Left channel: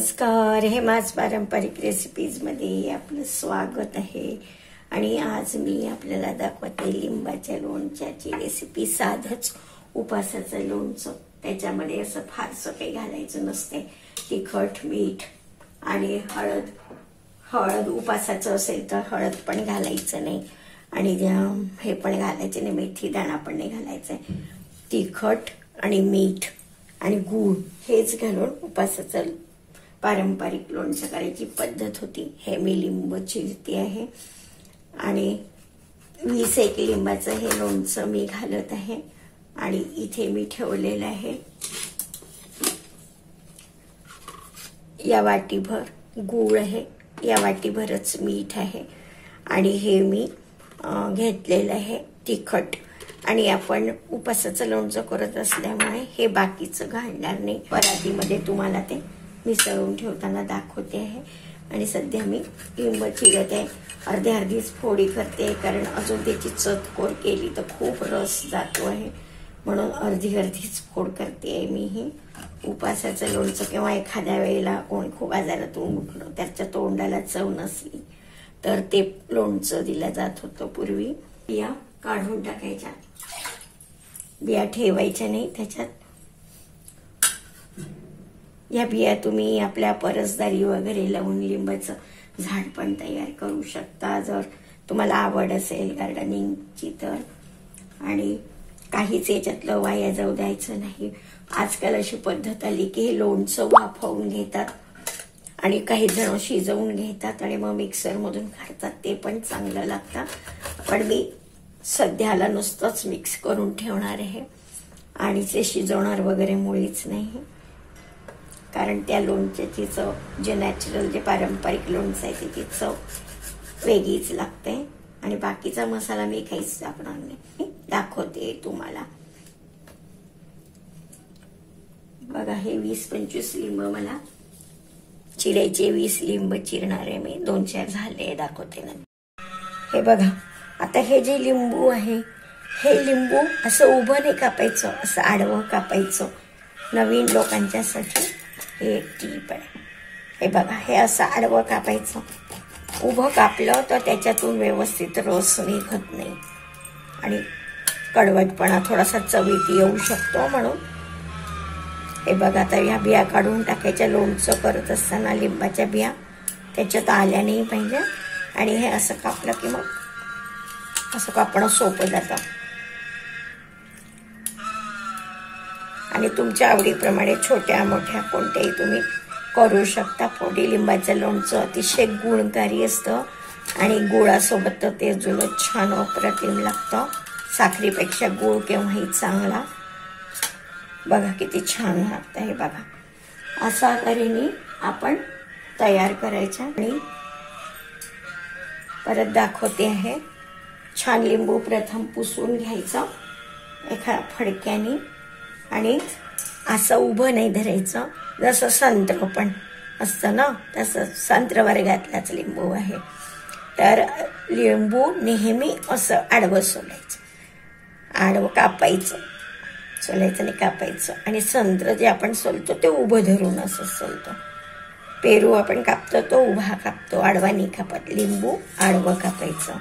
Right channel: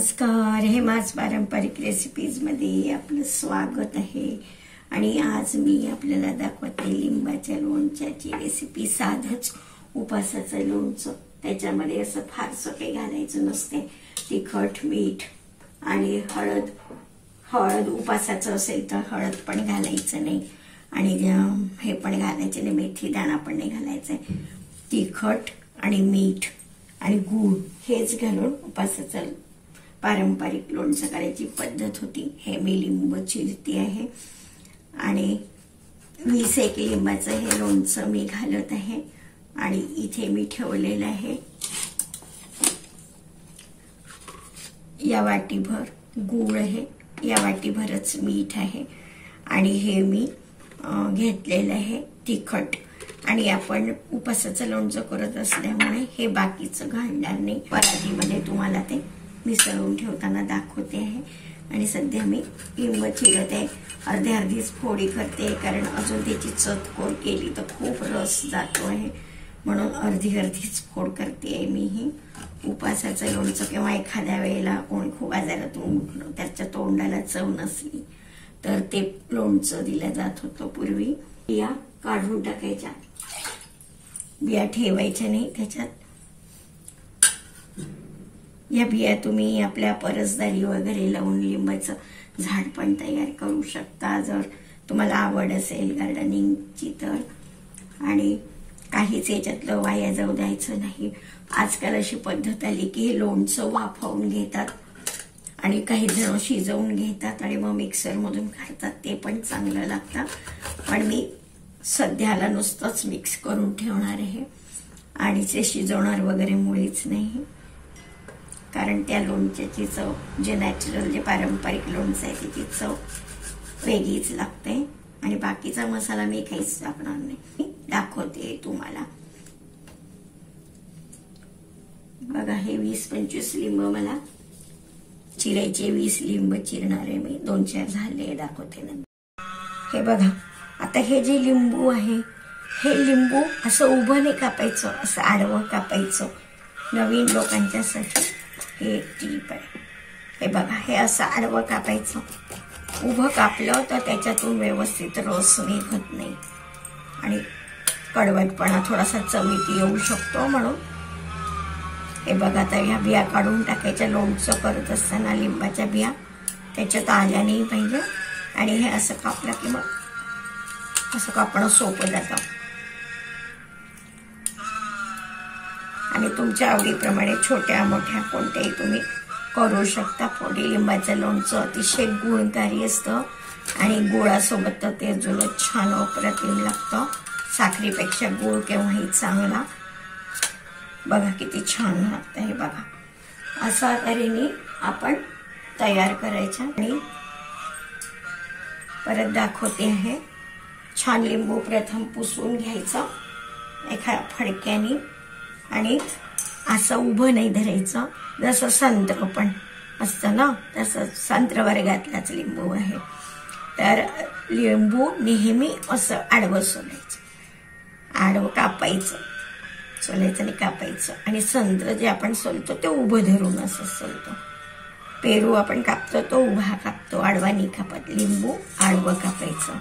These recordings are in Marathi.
नमस्कार, हेमाच पारंपरिक रेसिपीज मध्ये आपलं स्वागत आहे। आणि आज मी आपल्याला दाखवते लिंबाच्या लोणच्याची रेसिपी। साधच उपासाचं लोणचं, त्याच्यामध्ये असं फारसं काही घालायचं नसते। तिखट, मीठ आणि हळद उपासाचं असेल तर हळद पण घालायचं नाही आणि हे पण घालायचं नाही, मेथी दाणा पण नाही घालायचं। तिखट आणि मीठ आणि गूळ हेच घालून उपासाचं पारंपरिक लोणचं करायची पद्धत होती। हे मी लिंब चिरते आहे आणि 20 लिंबाचं हे लोणचं मी घालत आहे। आणि इथे मी ठेवलेलं आहे या वाटीभर गूळ आहे, या वाटीभरच मीठ आहे आणि हे मी घेतलेलं आहे तिखट। आणि आपण उपासाचं लोणचं करत असल्यामुळे हे बाकीचं घालणार नाही। परातीमध्ये तुम्हाला ते मिसळून ठेवताना दाखवते आहे। आणि सध्या मी लिंब चिरत आहे, अर्धीच फोडी करते, कारण अजून त्याची चतकोर केली तर खूप रस जातो आहे, म्हणून अर्धीच फोड करते आहे मी। ही उपासाचं लोणचं किंवा एखाद्या वेळेला कोणी खूप आजारातून उठलं, त्याच्या तोंडाला चव नसली तर ते लोणचं दिलं जात होतं पूर्वी। बिया काढून टाकायच्या, बिया ठेवायच्या नाही त्याच्यात। या बिया तुम्ही आपल्या परसदारी वगैरे लावून लिंबाचं झाड पण तयार करू शकता, जर तुम्हाला आवड असेल गार्डनिंगची तर। आणि काहीच याच्यातलं वाया जाऊ द्यायचं नाही। आजकाल अशी पद्धत आली की हे लोणचं वाफवून घेतात आणि काही जण शिजवून घेतात आणि मग मिक्सर मधून काढतात, ते पण चांगलं लागतं। पण मी सध्याला नुसतंच मिक्स करून ठेवणार आहे आणि ते शिजवणार वगैरे मुळीच नाही, कारण त्या लोणच्याची चव, जे नॅचरल जे पारंपरिक लोणचं आहे त्याची चव वेगळीच लागते। आणि बाकीचा मसाला मी काहीच टाकणार नाही, दाखवते तुम्हाला। बघा, हे 20-25 लिंब मला चिरायचे, 20 लिंब चिरणार आहे मी, 2-4 झाले, दाखवते नंतर। हे बघा, आता हे जे लिंबू आहे, हे लिंबू असं उभं नाही कापायचं, असं आडवं कापायचं। नवीन लोकांच्यासाठी हे टीप आहे। हे बघा, हे असं आडवं कापायचं। उभं कापलं तर त्याच्यातून व्यवस्थित रस निघत नाही आणि कडवटपणा थोडासा चवीत येऊ शकतो, म्हणून हे बघा। आता ह्या बिया काढून टाकायच्या। लोणचं करत असताना लिंबाच्या बिया त्याच्यात आल्या नाही पाहिजे। आणि हे असं कापलं की मग असं कापणं सोपं जातं। आणि तुमच्या आवडीप्रमाणे छोट्या मोठ्या कोणत्याही तुम्ही करू शकता। फोडी लिंबाचं लोणचं अतिशय गुणकारी असतं आणि गुळासोबत तर ते अजूनच छान अप्रतिम लागतं। साखरेपेक्षा गुळ केव्हाही चांगला। बघा किती छान लागतं हे बघा। अशा तऱ्हेने आपण तयार करायचं आणि परत दाखवते आहे। छान लिंबू प्रथम पुसून घ्यायचं एका फडक्याने आणि असं उभं नाही धरायचं, जसं संत्र पण असतं ना तसं। संत्र वर्गातलाच लिंबू आहे, तर लिंबू नेहमी असं आडवं सोलायचं, आडवं कापायचं, सोलायचं नाही कापायचं। आणि संत्र जे आपण सोलतो ते उभं धरून असं सोलतो। पेरू आपण कापतो तो उभा कापतो, आडवा नाही कापत। लिंबू आडवं कापायचं,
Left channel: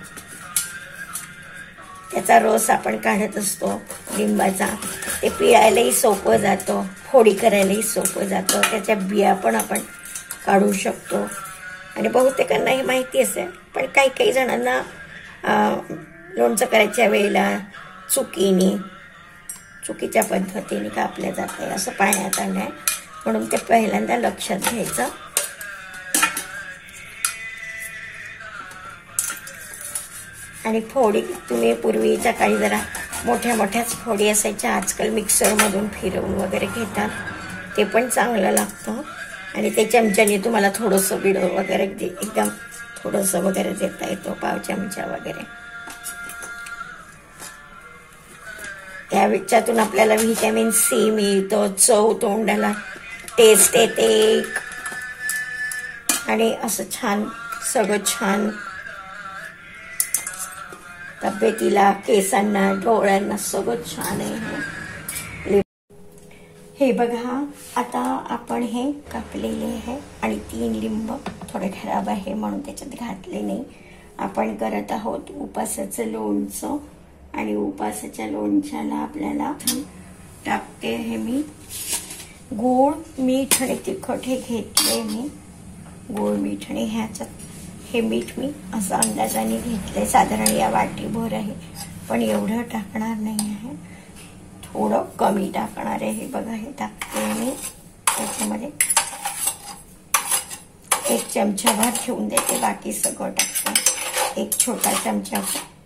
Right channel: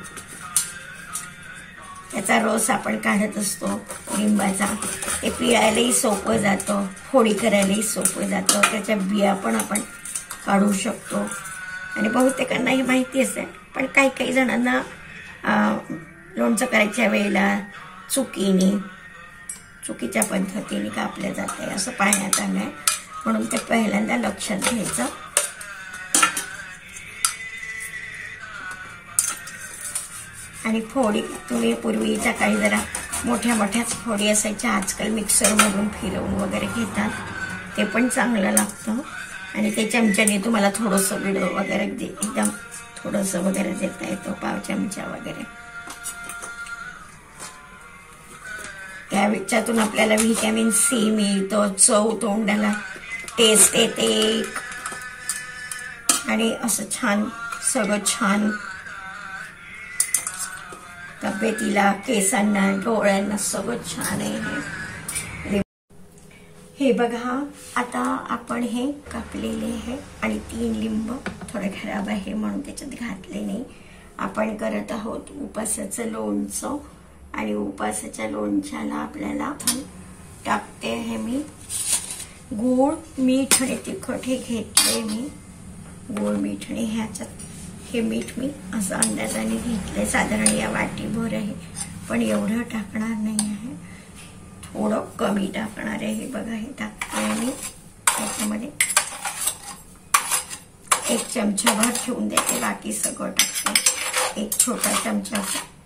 त्याचा रस आपण काढत असतो लिंबाचा, ते पिळायलाही सोपं जातं, फोडी करायलाही सोपं जातं। त्याच्या बिया पण आपण काढू शकतो आणि बहुतेकांना हे माहिती असेल, पण काही जणांना लोणचं करायच्या वेळेला चुकीच्या पद्धतीने कापलं जाते असं पाहण्यात आलंय, म्हणून ते पहिल्यांदा लक्षात घ्यायचं। आणि फोडी तुम्ही पूर्वीच्या काळी जरा मोठ्याच फोडी असायच्या, आजकाल मिक्सर मधून फिरवून वगैरे घेतात, ते पण चांगलं लागतं। आणि ते चमच्याने तुम्हाला थोडंसं बिड वगैरे एकदम थोडंसं वगैरे देता येतं, पाव चमचा वगैरे। त्याच्यातून आपल्याला व्हिटॅमिन सी मिळतं, चव तोंडाला टेस्ट येते आणि असं छान सगळं छान तब्येतीला, केसांना, डोळ्यांना सगळं छान आहे। हे बघा, आता आपण हे कापलेले आहे आणि 3 लिंब थोडे खराब आहे म्हणून त्याच्यात घातले नाही. आपण करत आहोत उपासाचं लोणचं आणि उपासाच्या लोणच्याला आपल्याला टाकते हे मी गूळ, मीठ आणि तिखट हे घेतले मी. गूळ, मीठ आणि ह्याच्यात हे मीठ मी असं अंदाजाने घेतलंय. साधारण या वाटीभर आहे, पण एवढं टाकणार नाही आहे, थोडं कमी टाकणार आहे. हे बघा, हे टाकते मी त्याच्यामध्ये 1 चमचाभर ठेवून देते, बाकी सगळं टाकते. 1 छोटा चमचा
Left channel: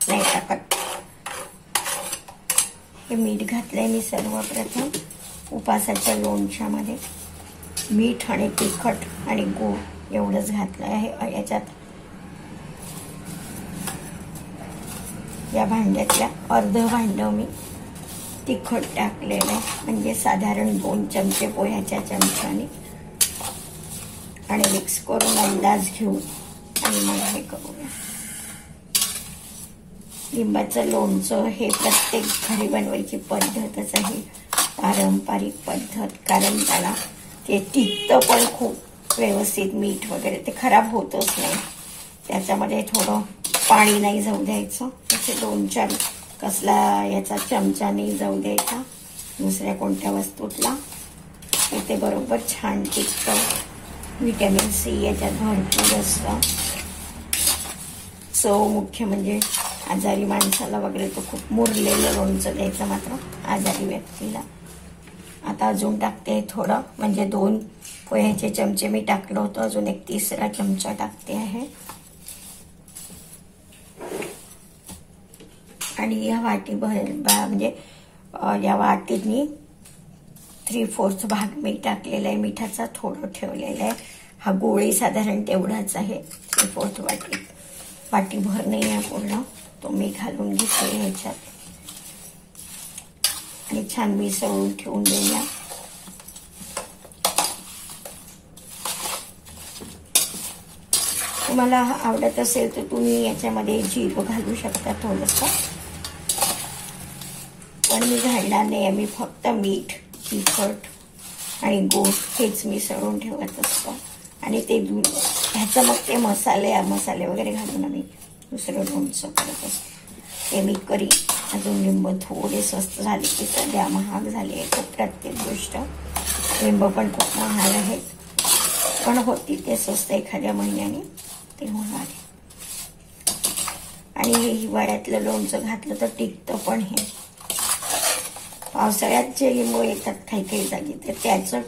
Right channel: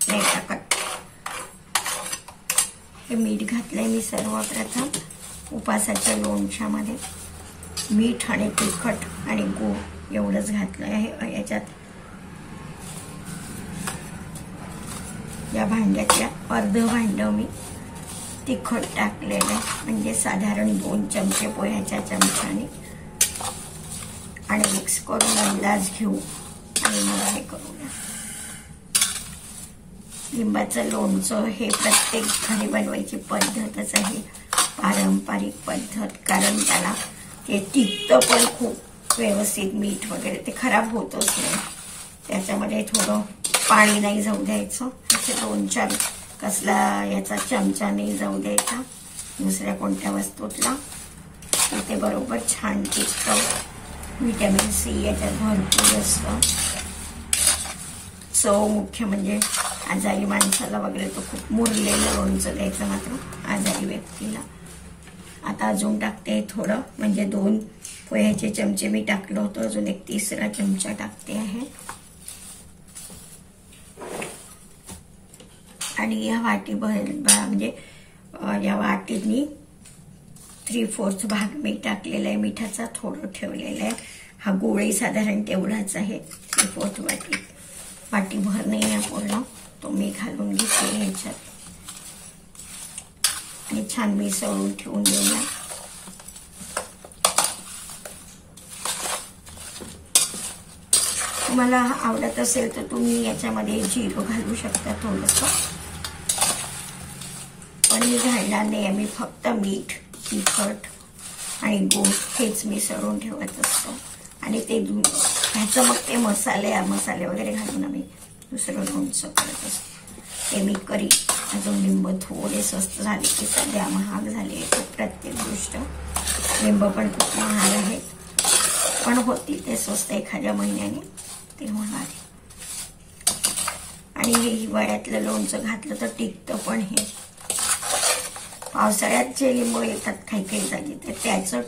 नाही टाकत. हे मीठ घातलंय मी सर्वप्रथम उपासाच्या लोणच्यामध्ये. मीठ आणि तिखट आणि गूळ एवढंच घातलं आहे. याच्यात या भांड्यातल्या अर्ध भांड मी तिखट टाकलेलं आहे, म्हणजे साधारण 2 चमचे पोह्याच्या चमच्याने. आणि मिक्स करून अंदाज घेऊ आणि मग हे करूया. लिंबाचं लोणचं हे प्रत्येक घरी बनवायची पद्धतच आहे, पारंपरिक पद्धत. कारण त्याला ते टिकतं पण खूप व्यवस्थित. मीठ वगैरे ते खराब होतच नाही. त्याच्यामध्ये थोडं पाणी नाही जाऊ द्यायचं. त्याचे 2-4 कसला याचा चमचा नाही जाऊ द्यायचा दुसऱ्या कोणत्या वस्तूतला. ते बरोबर छान टिकतं. व्हिटॅमिन सी याच्यात भरपूर असतं. चव मुख्य म्हणजे आजारी माणसाला वगैरे तो खूप मुरलेलं लोणचं द्यायचं मात्र आजारी व्यक्तीला. आता अजून टाकते थोडं, म्हणजे 2 पोह्याचे चमचे मी टाकलं होतं, अजून 1 तिसरा चमचा टाकते आहे. आणि या वाटीभर म्हणजे या वाटीनी 3/4 भाग मी टाकलेला आहे मिठाचा, थोडं ठेवलेलं आहे. हा गोळी साधारण तेवढाच आहे. 3/4 वाटीभर नाही आहे पूर्ण, तो मी घालून घेते ह्याच्यात आणि छान मिसळून ठेवून देऊया. तुम्हाला आवडत असेल तर तुम्ही याच्यामध्ये जिरं घालू शकता थोडंसं, पण मी घालणार नाही. आम्ही फक्त मीठ, तिखट आणि गूळ हेच मिसळून ठेवत असतो. आणि ते ह्याचं मग ते मसाले वगैरे घालून आम्ही दुसरं लोणचं करत असतो. ते मी करी. अजून लिंब थोडे स्वस्त झाले की सध्या महाग झाले आहे प्रत्येक गोष्ट. लिंब पण खूप महाग आहेत, पण होती ते स्वस्त एखाद्या महिन्याने ते महाग आहे. आणि हे हिवाळ्यातलं लोणचं घातलं तर टिकतं पण. हे पावसाळ्यात जे लिंबू येतात काही जागी ते त्याचं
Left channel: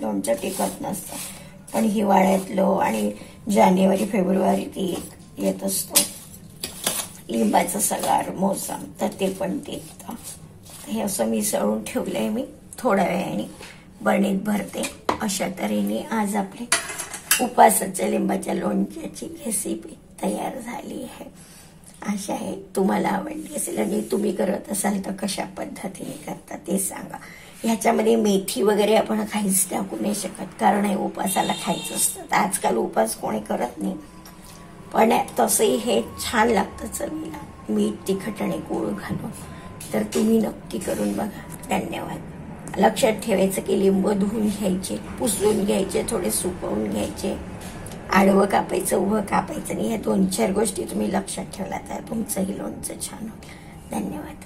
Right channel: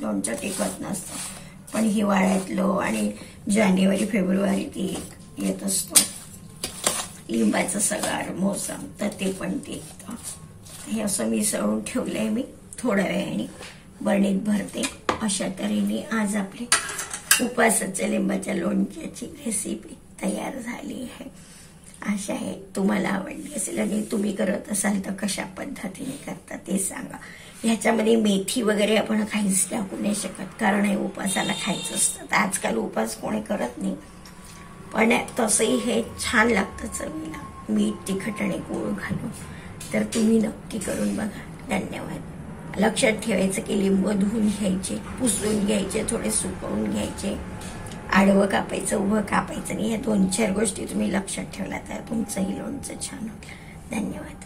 लोणचं टिकत नसतं, पण हिवाळ्यातलं आणि जानेवारी फेब्रुवारी ते येत असतो लिंबाचं सगळं मोसम, तर ते पण टिकतं. हे असं मिसळून ठेवलंय मी. थोड्या वेळाने बरणीत भरते. अशा तऱ्हेने आज आपले उपासाच्या लिंबाच्या लोणच्याची रेसिपी तयार झाली आहे. आशा आहे तुम्हाला आवडली असेल. आणि तुम्ही करत असाल तर कशा पद्धतीने करता ते सांगा. ह्याच्यामध्ये मेथी वगैरे आपण काहीच टाकू नाही शकत, कारण हे उपासाला खायचं असतं. तर आजकाल उपास कोणी करत नाही, पण तसंही हे छान लागतं चवीला, मीठ, तिखट आणि गूळ घालून. तर तुम्ही नक्की करून बघा. धन्यवाद. लक्षात ठेवायचं की लिंब धुवून घ्यायचे, पुसून घ्यायचे, थोडे सुकवून घ्यायचे. आडवं कापायचं, उभं कापायचं नाही. ह्या 2-4 गोष्टी तुम्ही लक्षात ठेवला तर तुमचंही लोणचं छान होईल. धन्यवाद.